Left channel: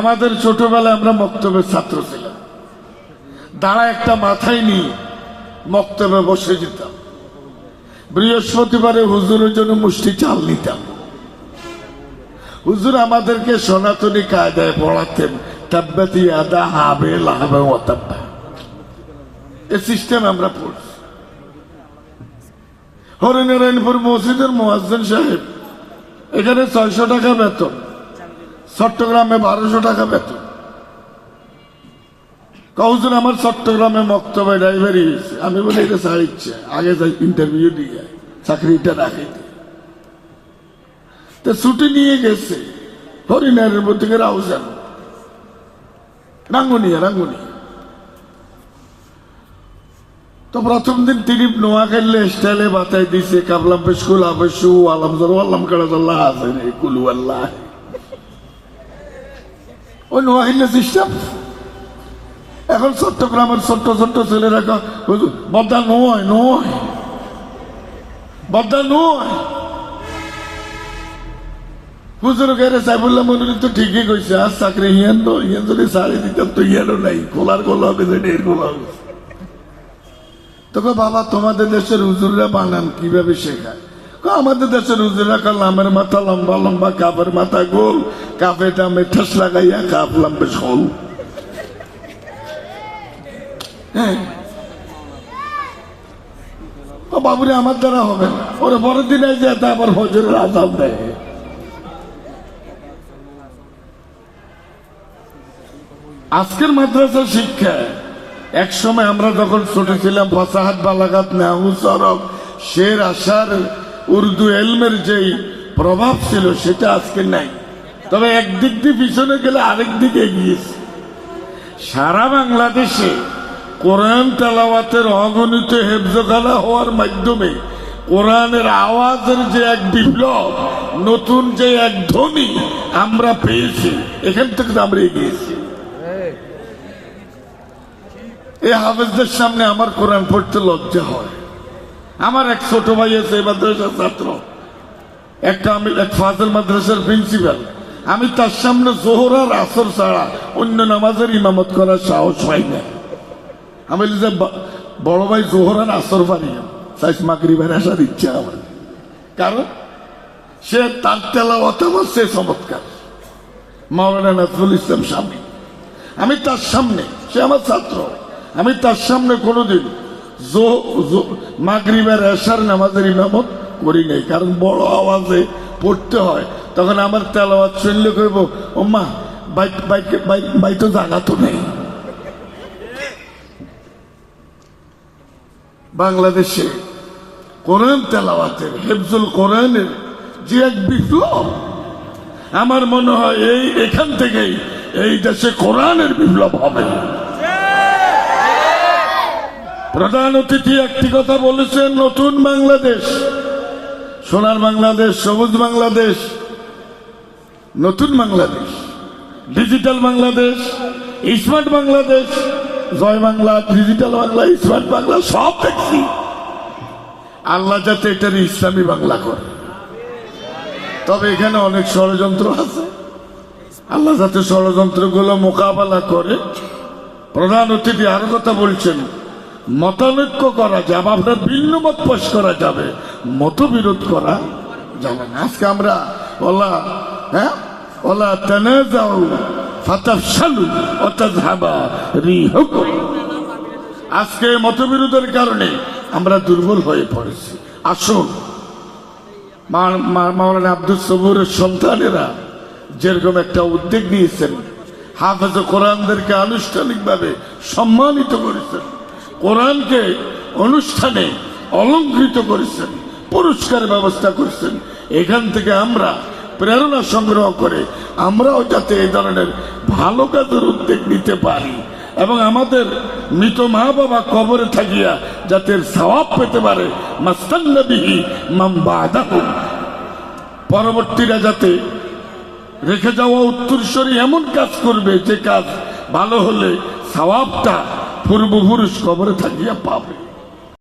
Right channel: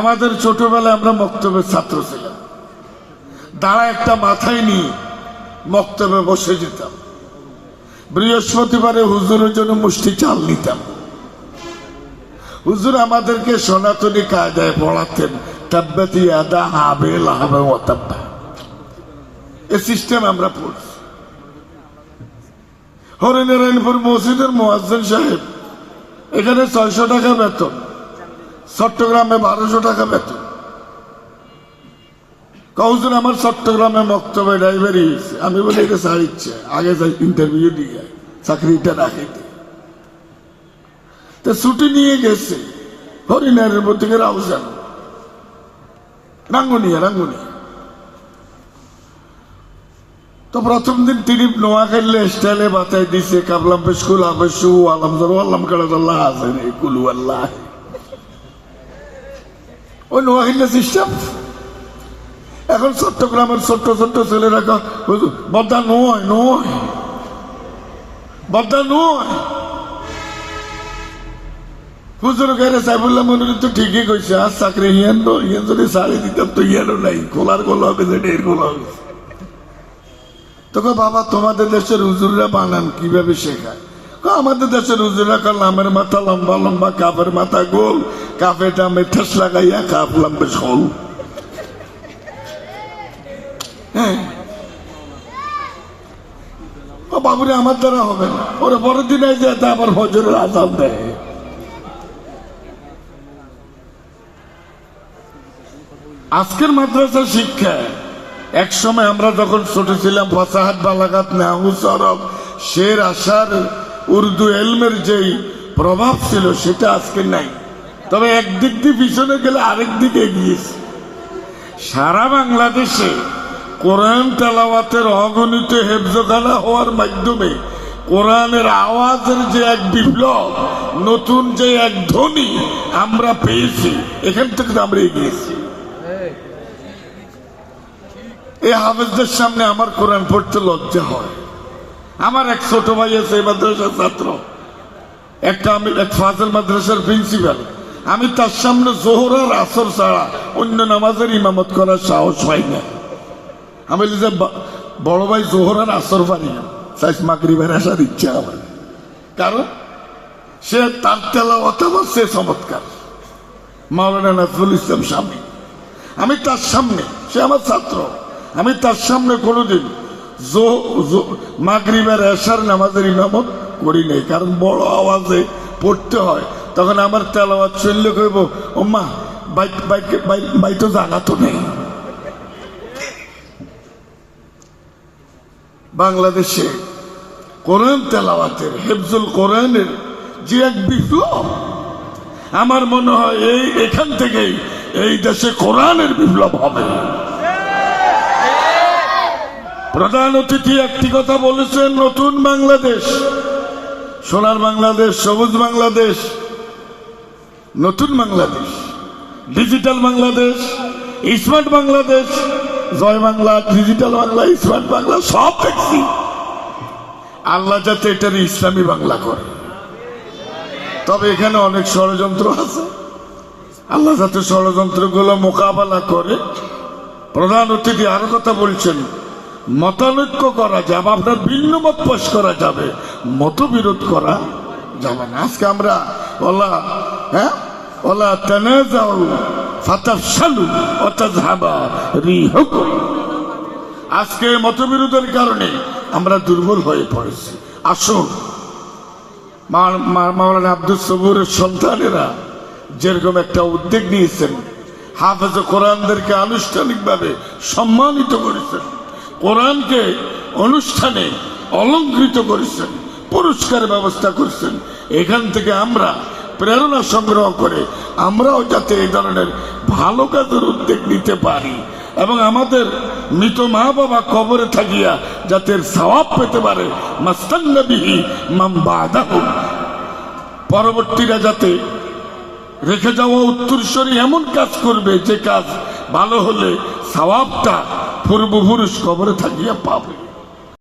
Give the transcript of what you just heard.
আমাদের ছোটবেলায় আমরা মক্তবের ছাত্র ছিলাম। দাঁড়া একটা মাথায় নিয়ে মক্তবে বসে যেতাম। বৃহস্পতিবারে হুজুরের জন্য মুষ্টি চাল নিতাম। হুজুর আমাদেরকে সনাতনী কায়দায় পড়াতেন, তাব্বাতি আদা হবে লাহাবে এ সিস্টেম আমরা পড়ছি। হরিনারায়ণপুর মসজিদের মোয়াজ্জেন সাহেব, এখানে ছয়শো টাকা বেতন। চট্টগ্রামে বারোশো টাকা বেতন। কৌজন আমার চট্টগ্রামে মক্তবে ড্রাইভারি হয়েছে। আমি বলি, এটা ইচ্ছে। আগে যাই ইন্টারভিউ দিয়ে চাকরিটা রাখে তো ছুটি নিয়ে গেছে। হরিনারায়ণপুর থেকে রাউজান রাঙ্গুনিয়া রাঙ্গুনিয়া। তো প্রথম দিন তিনি নোয়া খাইলে স্টাইলে বাতাই দিছে, কাবলাম পেশকুল আবেশু আলম জর আল্লাম কালাদাল্লাহ হাসেন কুলু আল্লাহ। ওই সিস্টেম এখন ছোট্ট ছোট্ট ছেলেরা নয় নয়। নয়। হুজুর সাইবুল্লাহ তো ঠিকই কইছে, আর চাকরি হিয়ান তো, হিয়ান যদি সারি দিতাম তো হিয়ানও নাই খোলার খোলা হবে এর খোলা হবে। তোকে বাবা, তোমাদের দেশের হুজুররা বানান, কীভাবে শেখায়? আমাদের দেশের হুজুররা কাল নামের মাথা লম্বা লম্বা কাপের মাথা গোল কাপে টামে ঠেস লাগাইয়া কাপ সল হ্যাঁ বাবুরে আমার দ্বারা হবে ওরা বড় দিন যে আবার হজরের আজাব দেয় আজকের মাদ্রাসা শিক্ষা এক সময় আমরা যখন ছোট ছিলাম, ফসাহাত বালাগাত নাহু শের আশার উর্দু এলমের যেই প্রভাব ছিল, সেটা আজকে নাই। তবে একদিক দিয়ে পিছনে গেলে আরেক দিকে এগিয়েছে সারা বাংলাদেশে কোরআন তালাওয়াতের অগণিত হেফজখানা হওয়ার মাধ্যমে কোরআনের আওয়াজের যে এক বিপ্লব, নতুন যে এক ধ্বনি আমরা পেয়েছি, এখান থেকে আমরা এগিয়েছি এই হাফেজদের সামনে আমার কোরআন পড়তে লজ্জা হয়। আমার এক ছোট ভাই আছে মাদ্রাসার ছাত্র। একটা আমি, এক ফাজল মাদ্রাসার প্রিন্সিপাল আমি তার সামনে জোহরার আসর ছাড়া অন্য নামাজের ইমামত করার সাহস পাই না। আমি যে বড় ভাই জোহরার আসর পারি না। সাইজ মাগরিবের আসার ইচ্ছা আমার কারণ সে তার তেলাওয়াত আমার সে চমৎকার। মাওলানা নজরুল ইসলাম স্বামী। আমি তার সামনে, সে আমার ছাত্র। আমি তার সামনে কোনোদিন মাগরিবের এশার নামাজের ইমামত করি নাই। কারণ বড় আওয়াজে পড়তে হয়। তখন আমার তেলাওয়াত চললে কইব ও মা বাইক বাইক, বাইক- বাই তো জানা তো নেই বাংলাদেশে কোরআন তেলাওয়াতের, হেফজুল কোরআনের যে এক বিপ্লব, আমার মনে হয় এই, এখান থেকেই এই দেশে কোরআনের বিপ্লব হবে। প্রধান অতিথি একটি কথা বলেছেন, নতুন বাংলাদেশ, সোনার বাংলাদেশ, সবুজ বাংলাদেশ নতুন বাংলাদেশ। ডিজিটাল বাংলাদেশ স্মার্ট বাংলাদেশ জয় বাংলা ডিজিটাল বাংলা স্মার্ট বাংলা সব দেখছি। আল্লাহ যাতে এটার ইসলামী বাংলা করে। তবে এখানে অনেক ষড়যন্ত্র আছে। আল্লাহ যাতে ষড়যন্ত্রগুলো মোকাবেলা করে। প্রধান অতিথি আরও কথা বলছেন মতানৈক্য করা যাবে আপনার ভিন্ন মত পেশ করা যাবে মতবিরোধ করা যাবে না। আজকে আমরা ওলা হ্যাঁ ওলা তানাজাউ ফাতাফশালু ওয়া তাযহাবা রিহুকুম আজকে মতবিরোধের কারণে আমরা দুর্বল হয়ে পড়েছি। আসুন মাওলানা আব্দুল সবুরের সন্তানেরা যেরকম একটা উদ্যোগ নিয়েছেন, হাফেজ কোরআনদেরকে আনুষ্ঠানিকভাবে সম্মানিত করেছেন, কোরআনকে অনুষ্ঠানে অলঙ্কৃত করেছেন, পুরস্কার ব্যবস্থা করেছেন এখান থেকে আমরা প্রেরণা সংগ্রহ করে আমরাও যাতে এই ধরনের ভালো কাজের উদ্যোগ নিতে পারি এবং আমাদের মৃত মা বাবা কবরে থাকিয়া যাতে সওয়াব পেতে পারে। মাস্তান্নবিহি মাম্বাদাহু পরবর্তীরা যাতে রেখে যাওয়া উত্তরস্বরী এমন কাজ করবে, যে কাজ ভালো হলে সওয়াবটা পূর্বপুরুষ কবরে থাকিয়া পাবে।